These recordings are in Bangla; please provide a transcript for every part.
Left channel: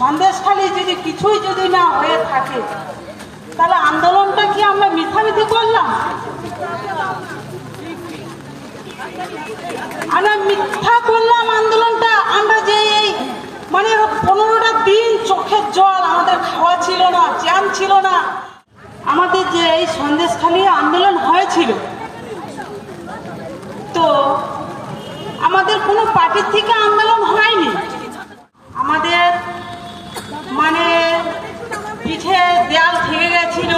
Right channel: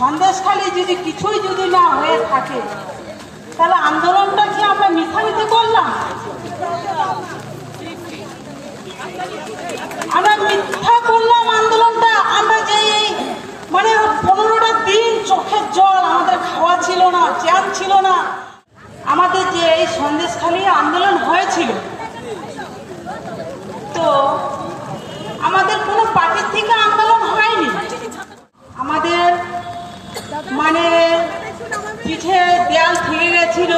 সন্দেশখালী যদি কিছুই যদি না হয়ে থাকে তাহলে আন্দোলনটা কি আমরা মিথ্যামিথি করলাম? আমরা মিথ্যা করলাম আন্দোলনটা। আমরা যে মানে 15টা দিন চোখের জল, আমাদের খাওয়া ছিল না, জ্যাম ছিল না। আমাদের যে এই সন্দেশখালী আন্দোলন হয়েছিল, তো আমাদের কোনো পার্টির থেকে আন্দোলন হয়নি। আমাদের মানে পিঠে দেয়াল থেকে গেছিল,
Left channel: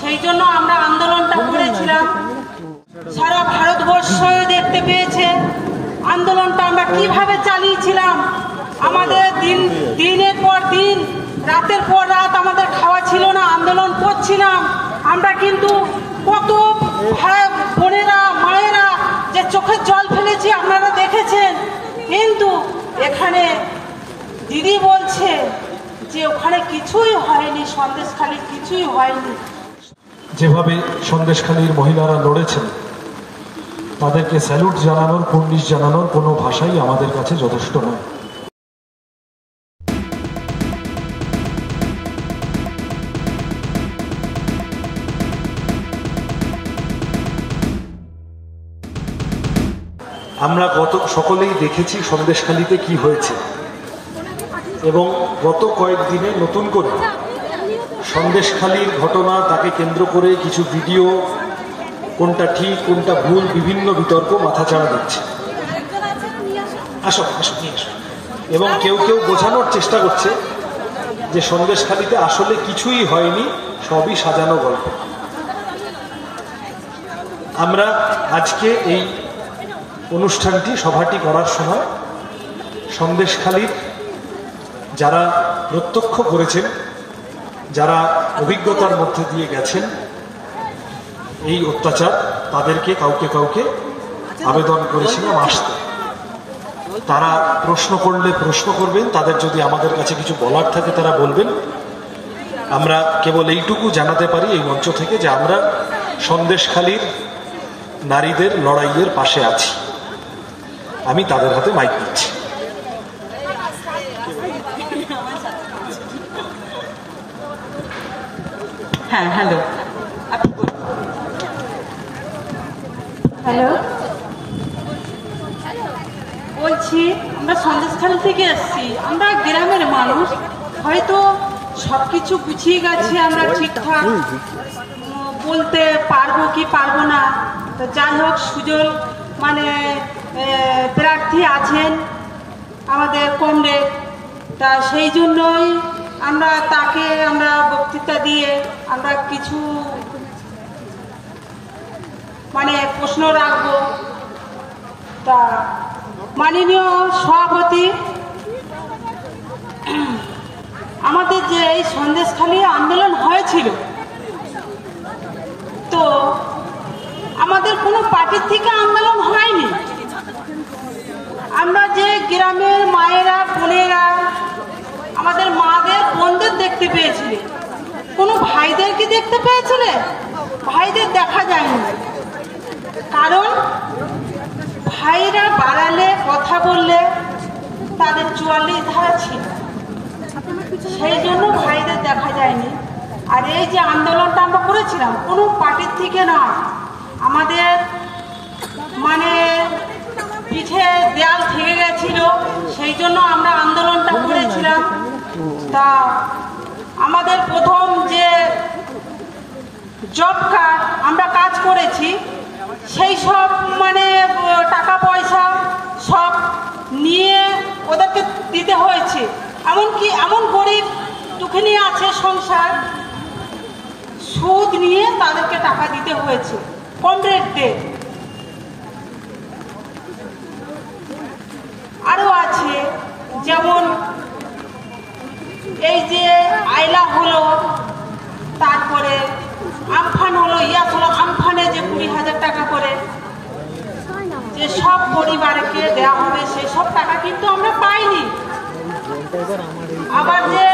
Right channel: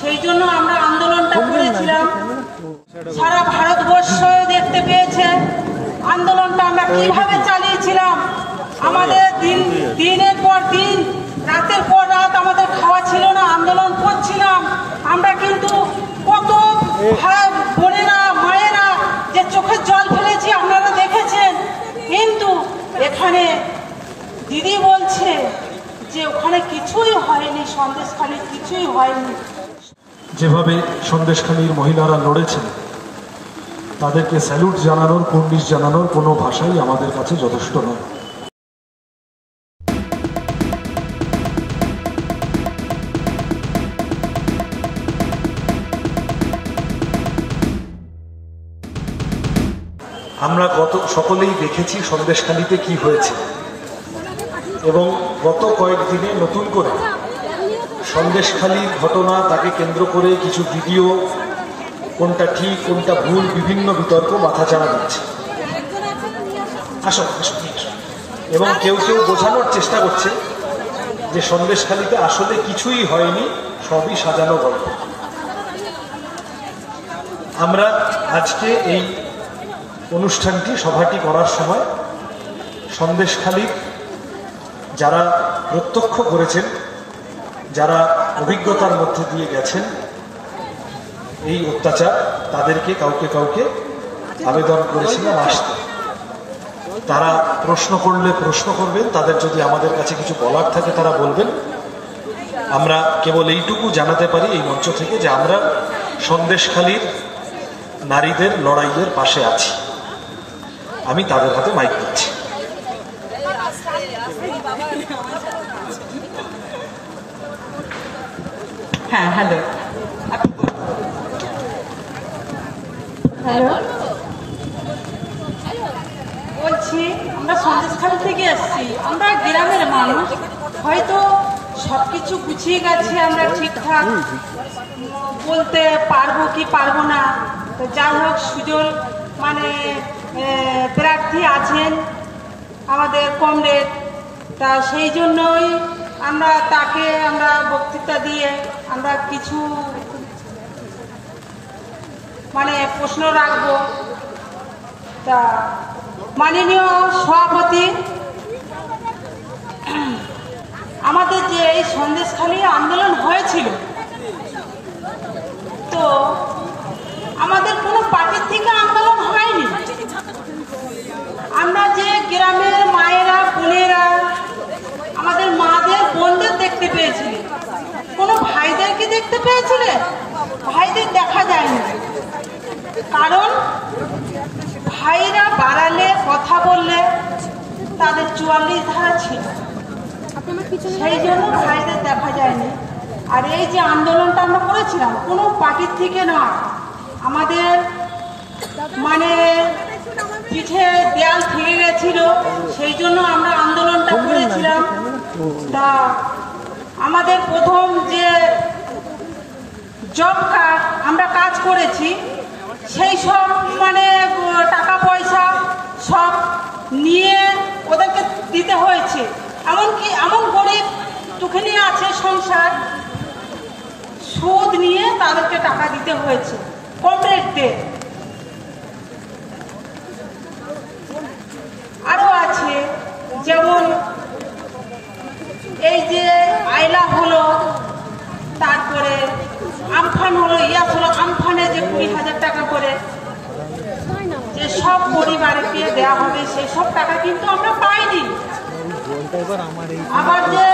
সেই জন্য আমরা আন্দোলনটা করেছিলাম। সারা ভারতবর্ষ দেখতে পেয়েছে আন্দোলনটা আমরা কিভাবে চালিয়েছিলাম। আমাদের দিনের পর দিন, রাতের পর রাত আমাদের খাওয়া ছিল না, আন্দোলন করছিলাম আমরা। কিন্তু কত বোনেরা মায়েরা যে চোখের জল ফেলেছি আপনারা দেখেছেন। কিন্তু এখানে দিদি বলছে যে ওখানে কিছুই হয়নি, সন্দেশখালীর কিছুই হয়নি। যেভাবে সন্দেশখালীর মহিলারা লড়েছেন, তাদেরকে স্যালুট জানানোর, কুর্নিশ জানানোর কোনো ভাষাই আমাদের কাছে যথেষ্ট নয়। আমরা সকলেই দেখেছি সন্দেশখালীতে কি হয়েছে, এবং গত কয়েকদিনে নতুন করে সন্দেশখালীর ঘটনা, তাকে কেন্দ্র করে কিছু ভিডিও, কোনটা ঠিক কোনটা ভুল, বিভিন্ন বিতর্ক মাথাচাড়া দিচ্ছে। এবং কেউ কেউ বোঝানোর চেষ্টা করছে যে সন্দেশখালীতে আসলে কিছুই হয়নি, সবই সাজানো গল্প। আমরা আজকে এই অনুষ্ঠানটি, সভাটি করার সময় সন্দেশখালীর যারা প্রত্যক্ষ করেছেন, যারা অভিজ্ঞতার মধ্যে দিয়ে গেছেন এই অত্যাচার, তাদেরকে কাউকে কাউকে আবেদন করেছিলাম আসতে। তারা প্রশ্ন করলে প্রশ্ন করবেন, তাদের যদি আমাদের কাছে কিছু বলার থাকে তারা বলবেন। আমরা কেবল এইটুকু জানাতে পারি এই মঞ্চ থেকে যে আমরা সন্দেশখালীর নারীদের লড়াইয়ের পাশে আছি। আমি তাদের হাতে মাইক দিচ্ছি। হ্যাঁ, হ্যালো হ্যালো, বলছি আমরা সন্দেশখালী থেকে এসছি। আমরা গ্রামের মানুষ, হয়তো সবকিছু গুছিয়ে গেছি, আমরা ঠিকঠাক বলতে পারবো কি পারবো না। তো যাই হোক, সুজন মানে প্রার্থী আছেন আমাদের কমরেড, তা সেই জন্যই আমরা তাকে বক্তৃতা দিয়ে আমরা কিছু মানে প্রশ্ন রাখবো। তা মাননীয় সভাপতি, আমাদের যে এই সন্দেশখালী আন্দোলন হয়েছিল, তো আমাদের কোনো পার্টির থেকে আন্দোলন হয়নি। আমরা যে গ্রামের মায়েরা বোনেরা, আমাদের মাদের বোনদের দেখতে পেয়েছিলে, কোনো ভাইদেরকে দেখতে পেয়েছিলে? ভাইদের দেখা যায়নি, কারণ ভাইরা বাড়ালে কথা বললে তাদের 44 ধারা ছিল, সেই জন্য ভাইদের দেখা যায়নি। আর এই যে আন্দোলনটা আমরা করেছিলাম, কোনো পার্টির থেকে না, আমাদের মানে পিঠে দেয়াল থেকে গেছিল, সেই জন্য আমরা আন্দোলনটা করেছিলাম। তা আমাদের প্রথম যে জব কার্ড আমরা কাজ করেছি, সেই সব মানে টাকা পয়সা সব নিয়ে ওদেরকে দিতে হয়েছে। এমনকি এমন গরিব দুঃখিনী আছে সংসার, সুদ নিয়ে তাদেরকে টাকা দিতে হয়েছে কমরেডদের। আরো আছে, যেমন এই যে আইলা হলো, তারপরে আমফান হলো, ইয়াস হলো, আমফানে যে 20,000 টাকা করে যে সব পরিবারকে দেওয়া হবে, সেই সব টাকা কিন্তু আমরা পাইনি। আবার যে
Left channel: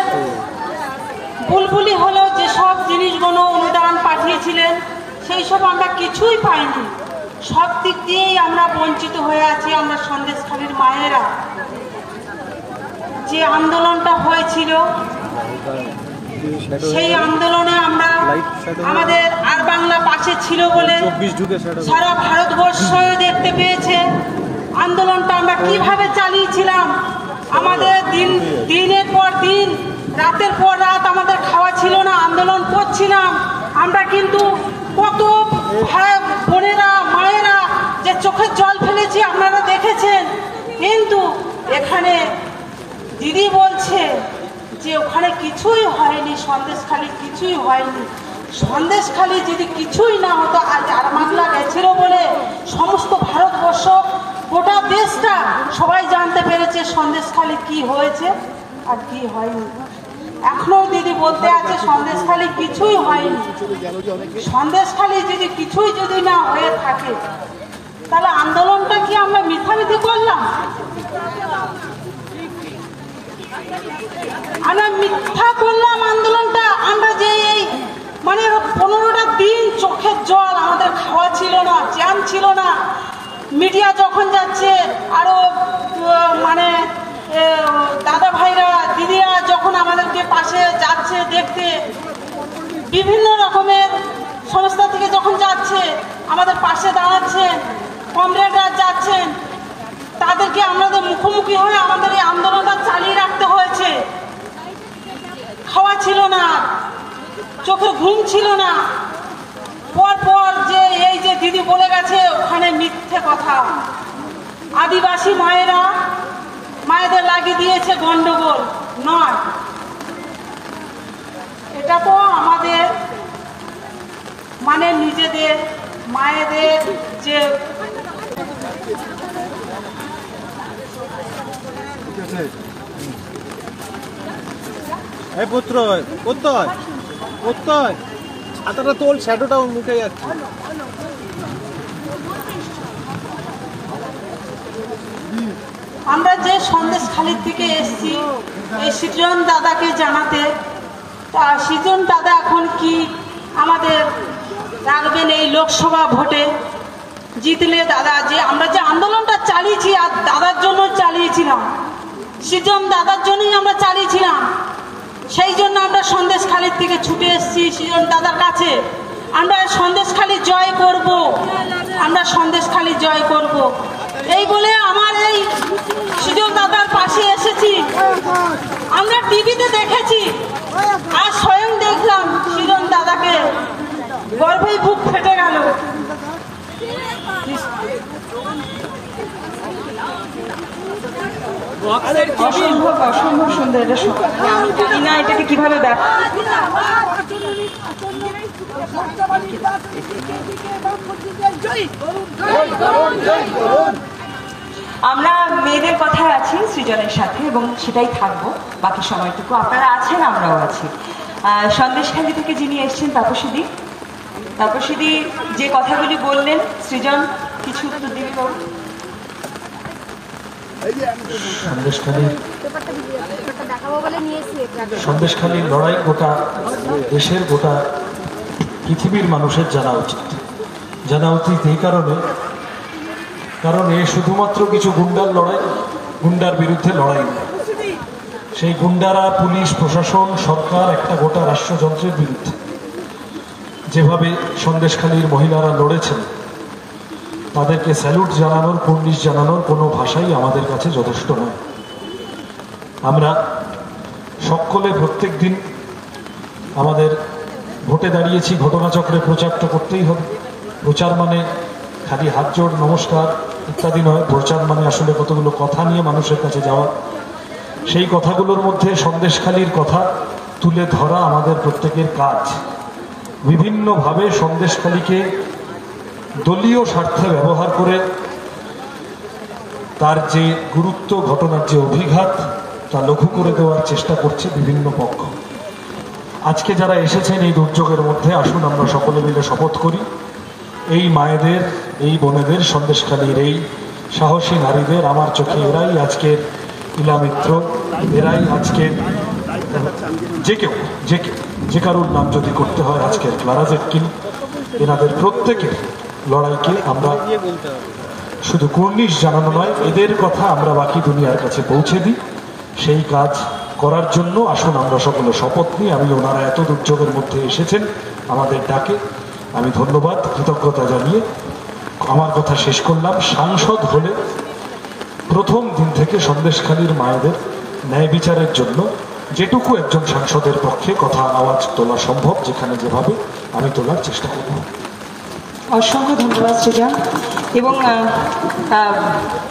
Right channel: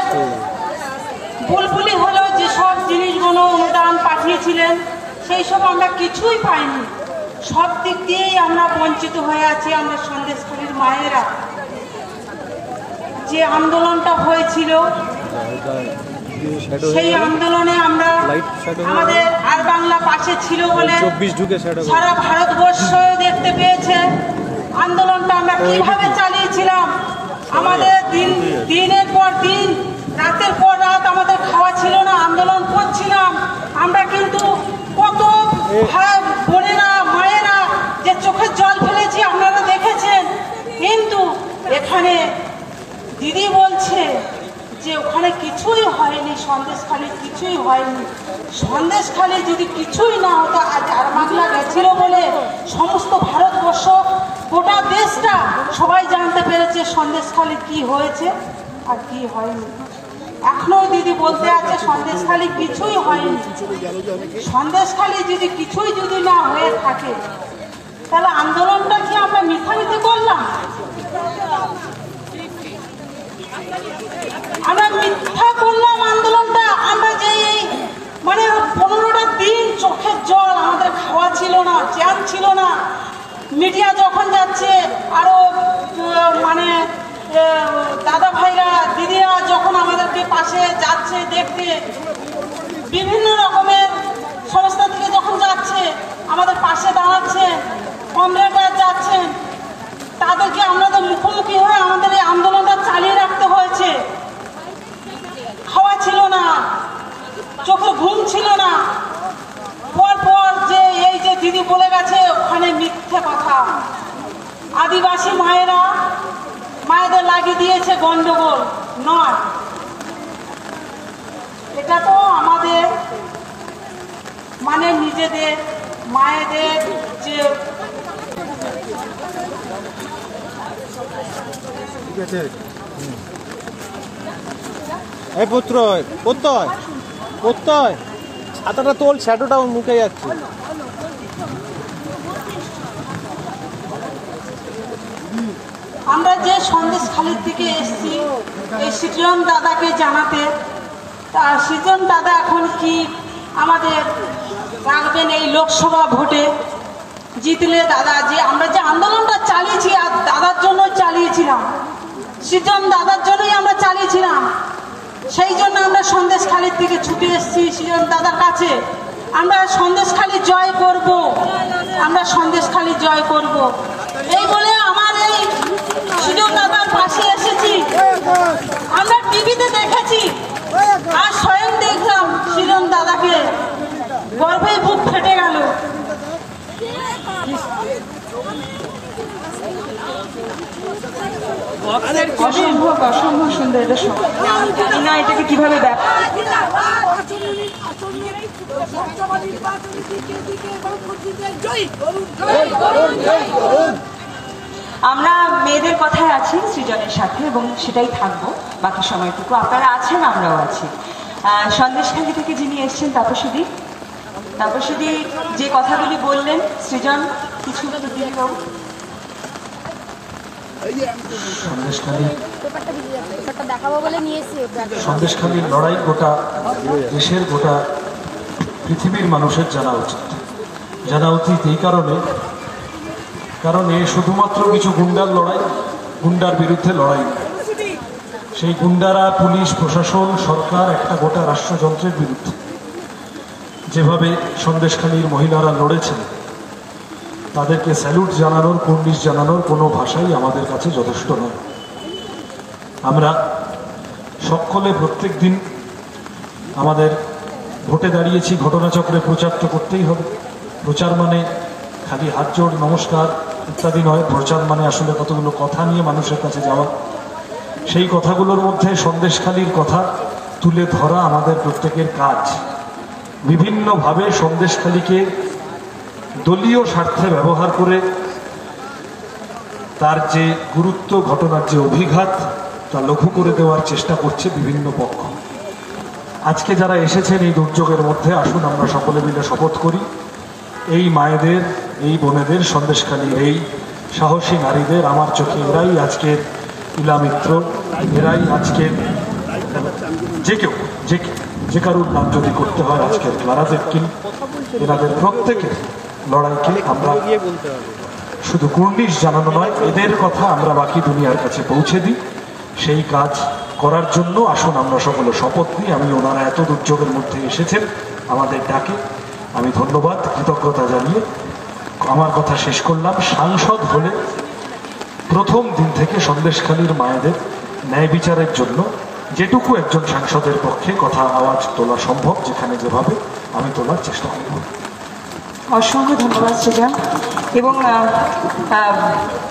বুলবুলি হলো, যে সব জিনিসগুলো অনুদান পাঠিয়েছিলেন, সেই সব আমরা কিছুই পাইনি। সব দিক দিয়েই আমরা বঞ্চিত হয়ে আছি। আমরা সন্দেশখালীর মায়েরা যে আন্দোলনটা হয়েছে সেই আন্দোলনে আমরা আমাদের আর বাংলা পাশে ছিল বলে সারা ভারতবর্ষ দেখতে পেয়েছে আন্দোলনটা আমরা কিভাবে চালিয়েছিলাম। আমাদের দিনের পর দিন, রাতের পর রাত আমাদের খাওয়া ছিল না, আন্দোলন করছিলাম আমরা। কিন্তু কত বোনেরা মায়েরা যে চোখের জল ফেলেছি আপনারা দেখেছেন। কিন্তু এখানে দিদি বলছে যে ওখানে কিছুই হয়নি, সন্দেশখালী কিছুই হয়নি। সন্দেশখালী যদি কিছুই না হতো, আজ বাংলা গেছিল বলে সমস্ত ভারতবর্ষ গোটা দেশটা সবাই জানতে পেরেছে সন্দেশখালী কি হয়েছে আর কি হয়নি। এখনো দিদি বলতে আছে সন্দেশখালী কিছুই হয়নি। সন্দেশখালী যদি কিছুই যদি না হয়ে থাকে তাহলে আন্দোলনটা কি আমরা মিথ্যামিথি করলাম? আমরা মিথ্যা করলাম আন্দোলনটা। আমরা যে এই মানে 15টা দিন চোখের জল, আমাদের খাওয়া ছিল না, জ্যাম ছিল না। মিডিয়া যখন যাচ্ছে, আরো মানে দাদা ভাইরা দিদিরা যখন আমাদেরকে পাশে যাচ্ছে দেখতে, বিভিন্ন রকমের সংস্থা থেকে যখন যাচ্ছে আমাদের পাশে দাঁড়াচ্ছেন, কমরেডরা যাচ্ছেন, তাদেরকে আমাদের মুখোমুখি হয়ে আমাদের এই আন্দোলনটা চালিয়ে রাখতে হয়েছে। খাওয়া ছিল না, চোখে ঘুম ছিল না। পর যে এই যে দিদি বলে গেছে ওখানে মিথ্যে কথা। আদিবাসী মায়েদের লাগিয়ে দিয়েছে গন্ডগোল নয়। এটা তো আমাদের মানে নিজেদের মায়েদের যে পুত্র ছাতাটা তোল, শ্যাডোটাও মুখে যাচ্ছে। আমরা যে সন্দেশখালীর থেকে এসেছি এই সৃজন দাদাকে জানাতে, তা সৃজন দাদা এখন কি আমাদের রাখবেন এই লোকসভা ভোটে জিতলে? দাদা যে আমরা যে আন্দোলনটা চালিয়েছি আর দাদার জন্য চালিয়েছিলাম, সৃজন দাদার জন্যই আমরা চালিয়েছিলাম। সেই জন্য আমরা সন্দেশখালীর থেকে ছুটে এসেছি সৃজন দাদার কাছে। আমরা সন্দেশখালী জয় করব, আমরা সন্দেশখালী জয় করব, এই বলে আমার এই সৃজন দাদার পাশে এসেছি। আমরা টিভিতে দেখেছি আর স্বয়ং দেখলাম সৃজন দাদাকে, গর্বে বুক ফেটে গেল। অসম্ভব সুন্দর। এটা জানি না এটাকে কিভাবে আমরা মেয়েদের কথায় আছি সৃজনের সাথে এবং সেটাই থাকবো বাকি সময়টুকু। আপনারা আছেন, আমরাও আছি। সন্দেশখালী থেকে যিনি এসছেন তাপসীদি যে কথাগুলি বললেন, সৃজন কিছু উত্তর দিবি বাবু। সন্দেশখালীর লড়াই গোটা দেশের, গোটা পৃথিবীর মানুষের জানা উচিত এই কারণ এ শুধুমাত্র কিছু গুন্ডার লড়াই, গুন্ডার বিরুদ্ধে লড়াই। সেই গুন্ডারা পুলিশ প্রশাসন সরকার একটা গোটা রাষ্ট্রযন্ত্রের বিরুদ্ধে। যেভাবে সন্দেশখালীর মহিলারা লড়েছেন তাদেরকে স্যালুট জানানোর, কুর্নিশ জানানোর কোনো ভাষাই আমাদের কাছে যথেষ্ট নয়। আমরা সকলে প্রত্যেক দিন আমাদের ভোটে দাঁড়িয়েছি, ঘটনাচক্রে প্রচার তো করতেই হবে। প্রচার মানে খালি হাত জোড় নমস্কার ইত্যাদি নয়। প্রচার মানে আসলে কতগুলো কথা নিয়ে মানুষের কাছে যাওয়া। সেই কথাগুলোর মধ্যে সন্দেশখালীর কথা তুলে ধরা আমাদের প্রত্যেকের কাজ। বিভিন্নভাবে সন্দেশখালীকে দলীয় স্বার্থে ব্যবহার করে তার যে গুরুত্ব, ঘটনার যে অভিঘাত, তা লঘু করে দেওয়ার চেষ্টা করছে বিভিন্ন পক্ষ। আজকে যারা এসেছেন এই দুর্যোগের মধ্যে, আসুন আমরা সকলে মিলে শপথ করি এই মায়েদের, এই বোনেদের, সন্দেশখালীর এই সাহসী নারীদের, আমার চোখে এরাই আজকের ইলামিত্র, এরাই আজকের যে কারুর নাম যদি করতে হয় আজকের ক্লারা জেটকিন, এনাদের প্রত্যেকের লড়াইকে আমরা শুধু কুর্নিশ জানানো নয়, এদের কথা আমরা বাকি দুনিয়ার কাছে পৌঁছে দিই। সেই কাজ করার জন্য আসুন আমরা সকলে শপথ নিই। আমি ওনারা এত দুর্যোগের মধ্যে এসেছেন আমাদের ডাকে, আমি ধন্যবাদ কৃতজ্ঞতা জানিয়ে আমার কথা শেষ করলাম। সাংসদ হলে প্রথম দিন থেকে সন্দেশখালীর মায়েদের ন্যায় বিচারের জন্য যেটুকু একজন সাংসদের পক্ষে কথা আওয়াজ তোলা সম্ভব, যেখানে যেভাবে আমি তোলার চেষ্টা করব। অসংখ্য ধন্যবাদ সৃজন। এবং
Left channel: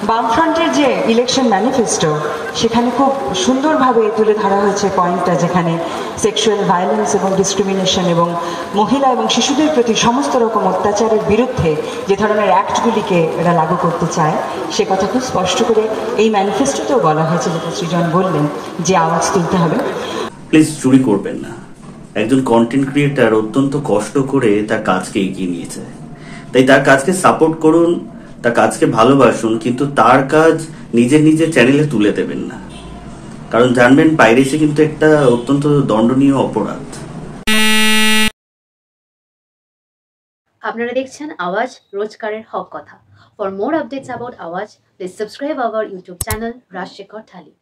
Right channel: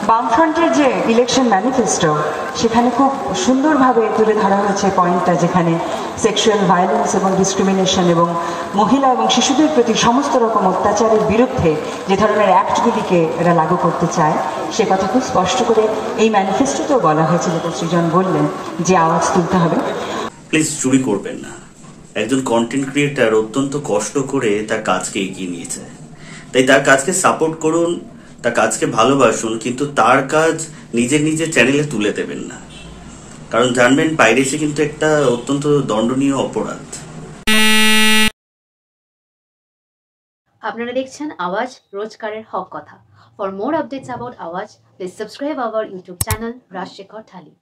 বামফ্রন্টের যে ইলেকশন ম্যানিফেস্টো, সেখানে খুব সুন্দরভাবে তুলে ধরা হয়েছে পয়েন্টটা, যেখানে সেক্সুয়াল ভায়োলেন্স এবং ডিসক্রিমিনেশন এবং মহিলা এবং শিশুদের প্রতি সমস্ত রকম অত্যাচারের বিরুদ্ধে যে ধরনের অ্যাক্টগুলিকে এরা লাগু করতে চায়, সে কথা খুব স্পষ্ট করে এই ম্যানিফেস্টোতেও বলা হয়েছে, যেটা সৃজন বললেন যে আওয়াজ তুলতে হবে। প্লিজ চুরি করবেন না। একজন কন্টেন্ট ক্রিয়েটার অত্যন্ত কষ্ট করে তার কাজকে এগিয়ে নিয়েছে, তাই তার কাজকে সাপোর্ট করুন, তার কাজকে ভালোবাসুন, কিন্তু তার কাজ নিজের চ্যানেলে তুলে দেবেন না। কারণ জানবেন, পাইরেসি কিন্তু একটা অত্যন্ত দণ্ডনীয় অপরাধ। আপনারা দেখছেন আওয়াজ, রোজকারের হক কথা। For more updates about Awaaz, please subscribe our YouTube channel Rajshekhar thali.